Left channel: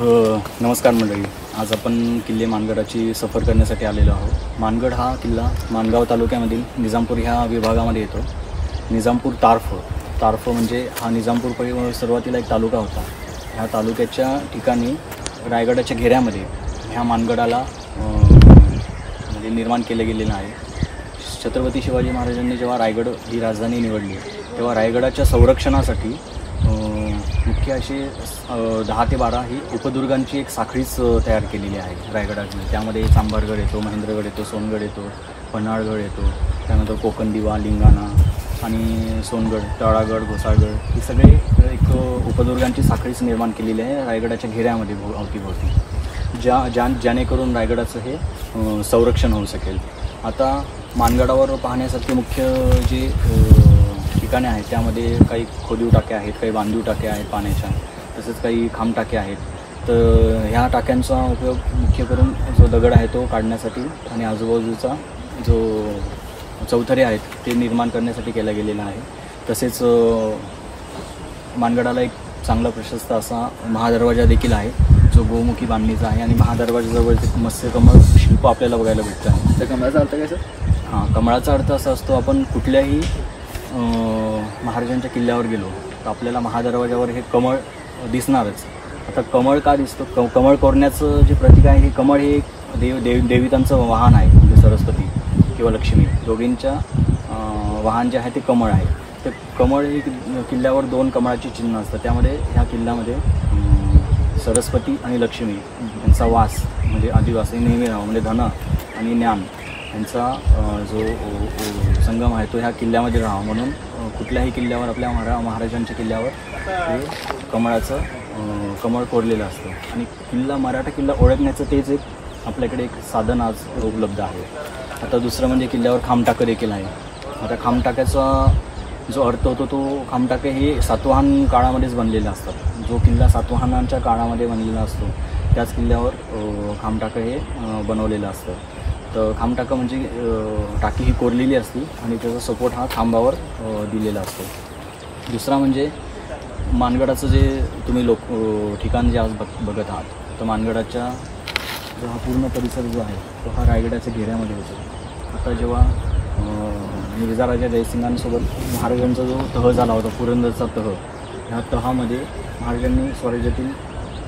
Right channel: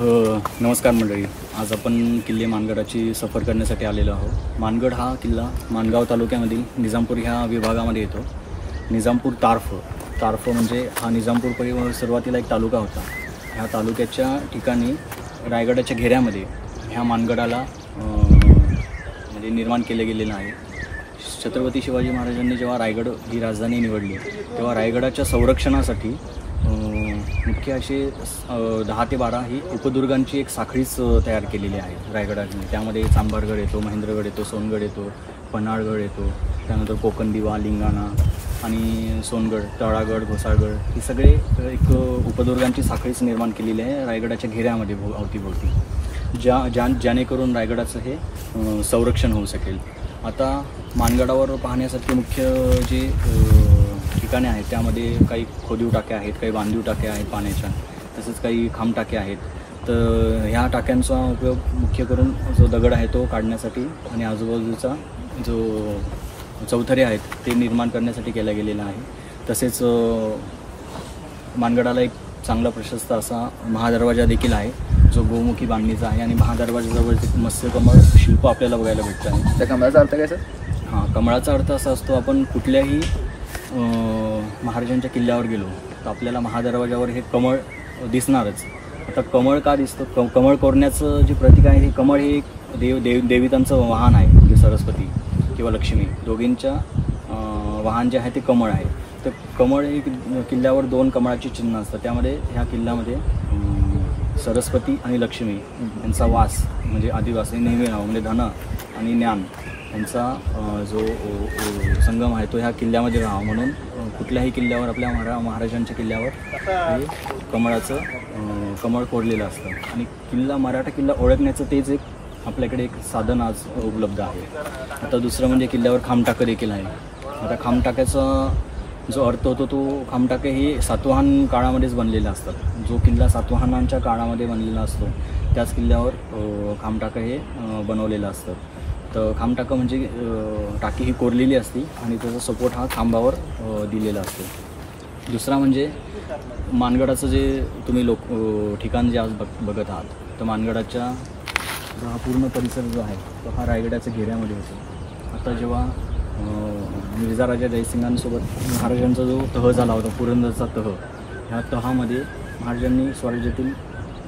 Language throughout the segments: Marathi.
नमस्कार मंडळी, आज आपण किल्ले मानगडाची सफर करण्यासाठी आलेलो आहोत। मानगड हा किल्ला माणगाव तालुक्यामधील निजामपूर ह्या विभागामध्ये येतो। निजामपूर तारफ म्हणजे हा निजामपूर सुरुवातीला एक तालुका होता। ह्या तालुक्याच्या ठिकाणी रायगडाच्या घेऱ्यामध्ये ह्या मानगडाला म्हणजे निर्माण केले गेलेलं आहे। छत्रपती शिवाजी महाराजांनी जेव्हा रायगड ही राजधानी निवडली तेव्हा रायगडाच्या संरक्षणासाठी मुख्य असे 10 ते 12 ही उपदुर्गांची एक साखळीच तयार केलेली आहे रायगडामध्ये। त्यामध्ये चांभारगड येतो, महेंद्रगड येतो, सोनगड येतो, पन्हाळगड येतो, त्यानंतर कोकणदिवा, लिंगाणा आणि सोनगड, तळागड, घोसाळगड ही सगळे एक उपदुर्गांची साखळीच निर्माण केलेली आहे रायगडाच्या घेऱ्यामध्ये अवतीभोवती, जेणेकरून रायगडाचं हे संरक्षण होऊ शकेल। आता मानगडावर पाहण्यासारखे मुख्य जी ठिकाणे आहेत त्यामध्ये काही खोदीव टाक्या आहेत, काही बांधीव टाक्या आहेत पाण्याच्या, तसेच काही खांब टाक्या आहेत। तर ह्या टाक्यांचा उपयोग मुख्य करून जो दगड आहे तो काढण्यासाठी आणि आजूबाजूचा जो चौथरे आहेत ते निर्माण करण्यासाठी केला गेलेला आहे। तसेच मानगडाला एक चांगला प्रशस्त असा महादरवाजा देखील आहे जो गोमुखी बांधणीचा आहे आणि महादरवाजाजवळ एक मत्स्यकमळ शिल्प आपल्याला बघायला भेटतं आहे। त्या कमळाचा अर्थ काय सर? हां, कमळाचा अर्थ असा असतो, आपण कुठल्याही महाराजांच्या किल्ल्यावर गेलो तर आपल्याला महादरवाजावर हे कमळ दिसणारच। आता कमळ का दिसतो? कमळ कोरण्याचं जे प्रतीक आहे हे कमळ हे देवितांचं वाहन आहे, म्हणजे सरस्वती किंवा लक्ष्मी दोघींच्या वाहन जे आहे ते कमळ आहे। तर कमळ हे किल्ल्यावर 2 कमळाची चिन्ह असतात। त्यामध्ये ह्या किल्ल्यामध्ये सरस्वती आणि लक्ष्मी यांचा वास म्हणजे आदिवास हे नेहमी राहावं, म्हणजे धन आणि ज्ञान यांचा जो संगम आहे तो ह्या किल्ल्यामध्ये राहावा म्हणून कुठल्याही किल्ल्यावर आपल्या महाराजांच्या किल्ल्यावर हे कमळ कोरलेलं असतं। आणि मराठा किल्ला ओळखण्याचं तेच एक आपल्याकडे एक साधन आज उपलब्ध आहे। आता दुसरं म्हणजे किल्ल्यावर खांबटाकं देखील आहे। आता खांबटाक्याचा जो अर्थ होतो तो खांबटाके हे सातवाहन काळामध्येच बनलेले असतात। जो किल्ला सातवाहनांच्या काळामध्ये बनलेला असतो त्याच किल्ल्यावर खांबटाकं हे बनवलेलं असतं। तर खांबटाकं म्हणजे टाकी ही कोरलेली असते आणि त्याचा सपोर्ट हा खांबावर दिलेला असतो। दुसरा म्हणजे मानगडाचं जे तुम्ही ठिकाण जे आज बघत आहात, तर मानगडाच्या जो हा पूर्ण परिसर जो आहे तो हा रायगडाच्या घेऱ्यामध्ये होतो। आता जेव्हा मिर्झाराजा जयसिंगांसोबत महाराजांचा जो तह झाला होता, पुरंदरचा तह, ह्या तहामध्ये महाराजांनी स्वराज्यातील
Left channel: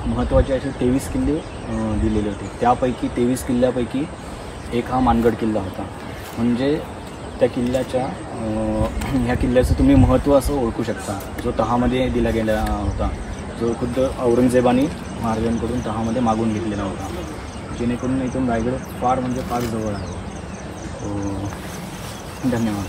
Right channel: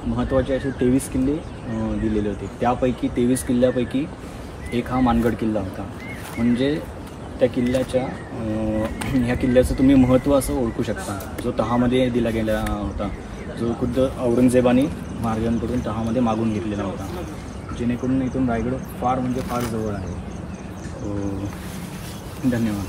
महत्त्वाचे असे 23 किल्ले दिलेले होते। त्यापैकी 23 किल्ल्यापैकी एक हा मानगड किल्ला होता। म्हणजे त्या किल्ल्याच्या ह्या किल्ल्याचं तुम्ही महत्त्व असं ओळखू शकता, जो तहामध्ये दिला गेला होता, जो खुद्द औरंगजेबाने महाराजांकडून तहामध्ये मागून घेतलेला होता, जेणेकरून इथून रायगड फार म्हणजे फार जवळ आहे। धन्यवाद।